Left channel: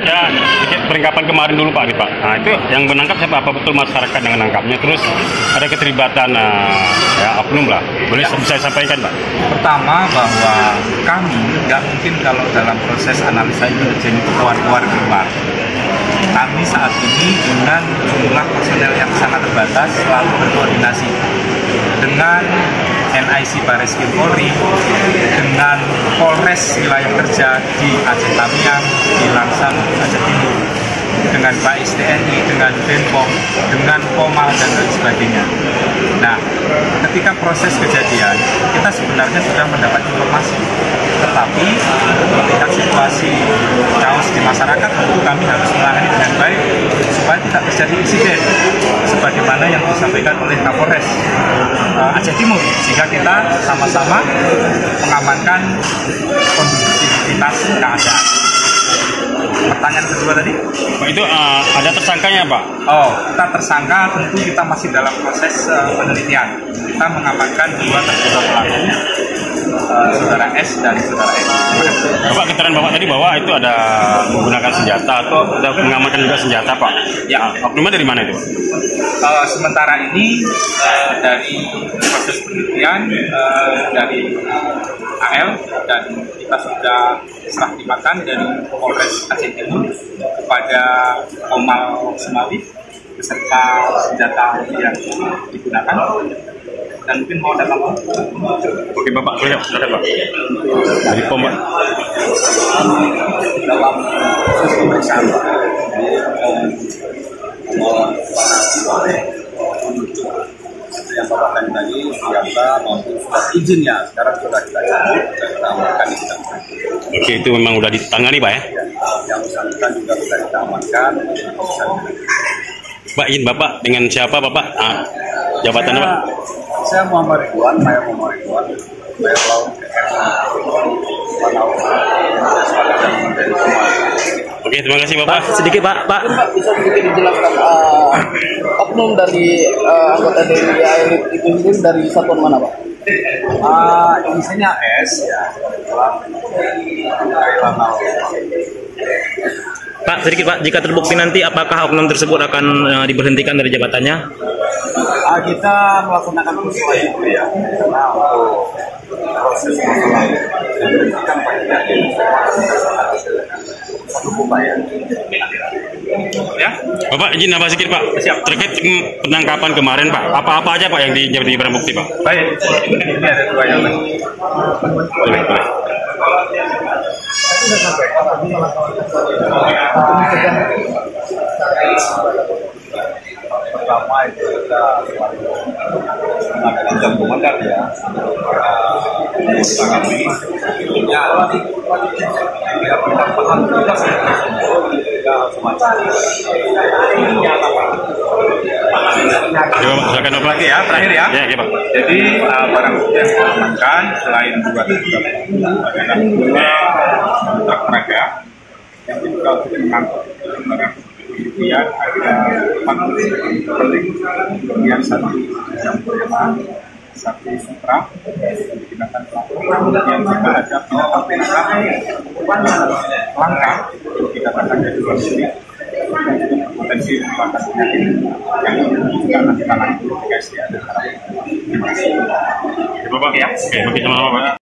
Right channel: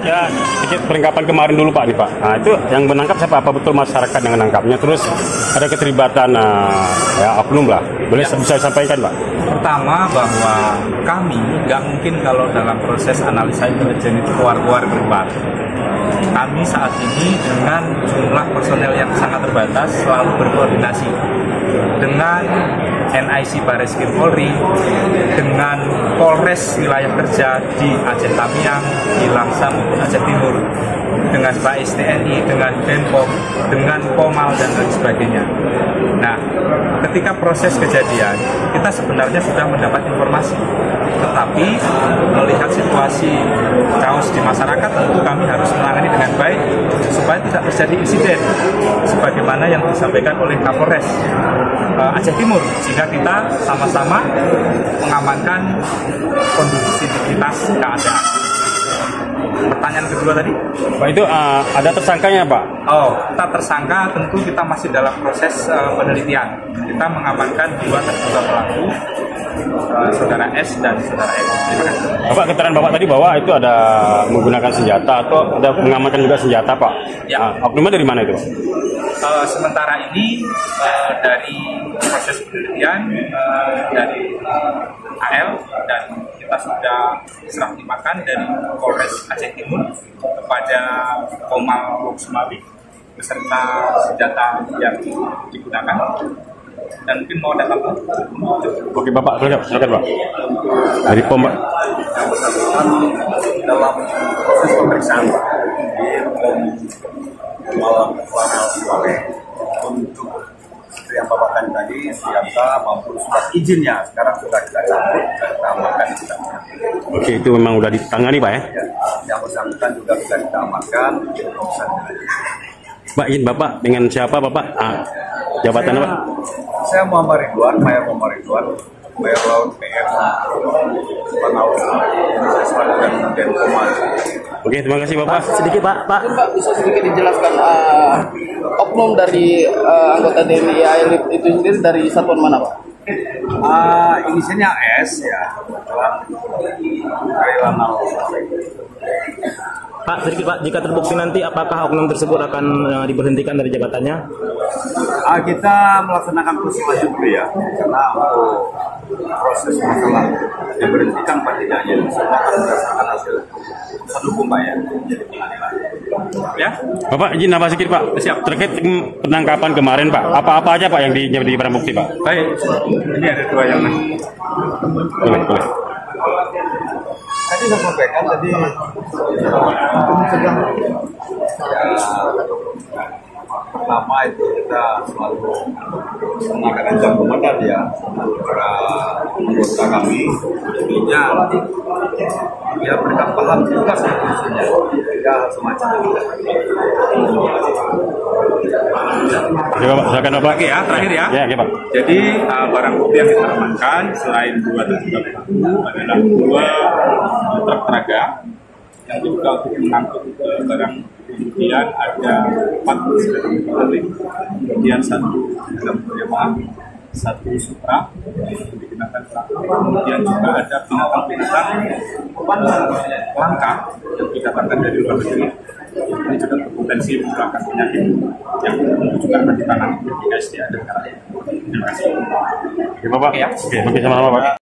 Ya, sedikit perlengkapan kemarin dulu Pak, Pak. Nah, itu yang menangkap siapa? Apa betul masyarakat yang menangkapnya? Terus ada keterlibatan ya, oknum lah. Boleh bisa sampaikan Pak? Pertama bahwa kami nggak mungkin kalau dalam proses analisa intelijen itu keluar. Kami saat ini dengan jumlah personel yang sangat terbatas selalu berkoordinasi dengan NIC Bareskrim Polri, dengan Polres wilayah kerja di Aceh Tamiang, di Langsan, Aceh Timur, dengan Bais TNI, dengan Denpom, dengan Pomal, dan lain sebagainya. Nah, ketika proses kejadian, kita sebenarnya sudah mendapat informasi, tetapi melihat situasi chaos di masyarakat, tentu kami harus menangani dengan baik supaya tidak terjadi insiden sebagaimana yang disampaikan oleh Kapolres Aceh Timur, sehingga kita sama-sama mengamankan kondusivitas keadaan. Pertanyaan kedua tadi? Pak, itu ada tersangkanya Pak? Oh, kita tersangka tentu kita masih dalam proses penelitian. Kita mengamankan dua terduga pelaku, saudara S dan saudara M. Bapak, keterangan Bapak tadi bahwa itu ada menggunakan senjata atau ada mengamankan juga senjata Pak? Ya. Oknumnya dari mana itu? Sementara ini dari proses penelitian dari AL dan kita sudah serah timakan dari Polres Aceh Timur kepada Pomal Semali beserta senjata yang digunakan, dan mungkin mau datang. Oke Bapak, silakan Pak. Dari Pomal dalam proses pemeriksaan di Pomal untuk seperti yang Bapak tadi senjata maupun surat izinnya sekarang sudah kita cabut dan kita amankan di kita. Oke, itu memang udah ditangani Pak ya? Yang bersangkutan juga sudah kita amankan. Pak, izin Bapak dengan siapa Bapak? Jabatannya Pak? Saya Muhammad Ridwan, Mayor Muhammad Ridwan, Mayor Laut PM Panaus. Saya sebagai Jaman dari Pomal. Oke, terima kasih Bapak. Sedikit Pak, bisa sedikit dijelaskan oknum dari anggota dari AL itu sendiri dari satuan mana Pak? Inisialnya S ya, Kailanau. Pak, sedikit Pak, jika terbukti nanti apakah oknum tersebut akan diberhentikan dari jabatannya? Kita melaksanakan semuanya dulu ya, karena untuk proses masalah diberhentikan Pak tidak ada, semua akan berdasarkan hasil hukum Pak ya. Ya, Bapak izin nambah sedikit Pak. Siap. Terkait penangkapan kemarin Pak, apa-apa aja Pak yang jadi barang bukti Pak? baik. Ini ada dua yang Boleh. Tadi saya sampaikan tadi untuk mencegah pertama itu kita selalu mengadakan jam komandan ya untuk para anggota kami, tentunya dia berikan paham tugas biasanya ya semacam Silakan Bapak. lagi ya, terakhir ya. Ya, Pak. Jadi barang bukti yang kita amankan selain dua terduga pelaku adalah dua truk traga yang diduga untuk mengangkut barang. Kemudian ada 4 rolling, kemudian 1 jambor Yamaha, 1 Supra binatang pelaku, kemudian juga ada binatang langka yang dikatakan dari luar negeri. Ini juga berpotensi menyebabkan penyakit yang juga akan ditangani oleh BKSDA dan Terima kasih. Bapak ya. Oke, sama Bapak.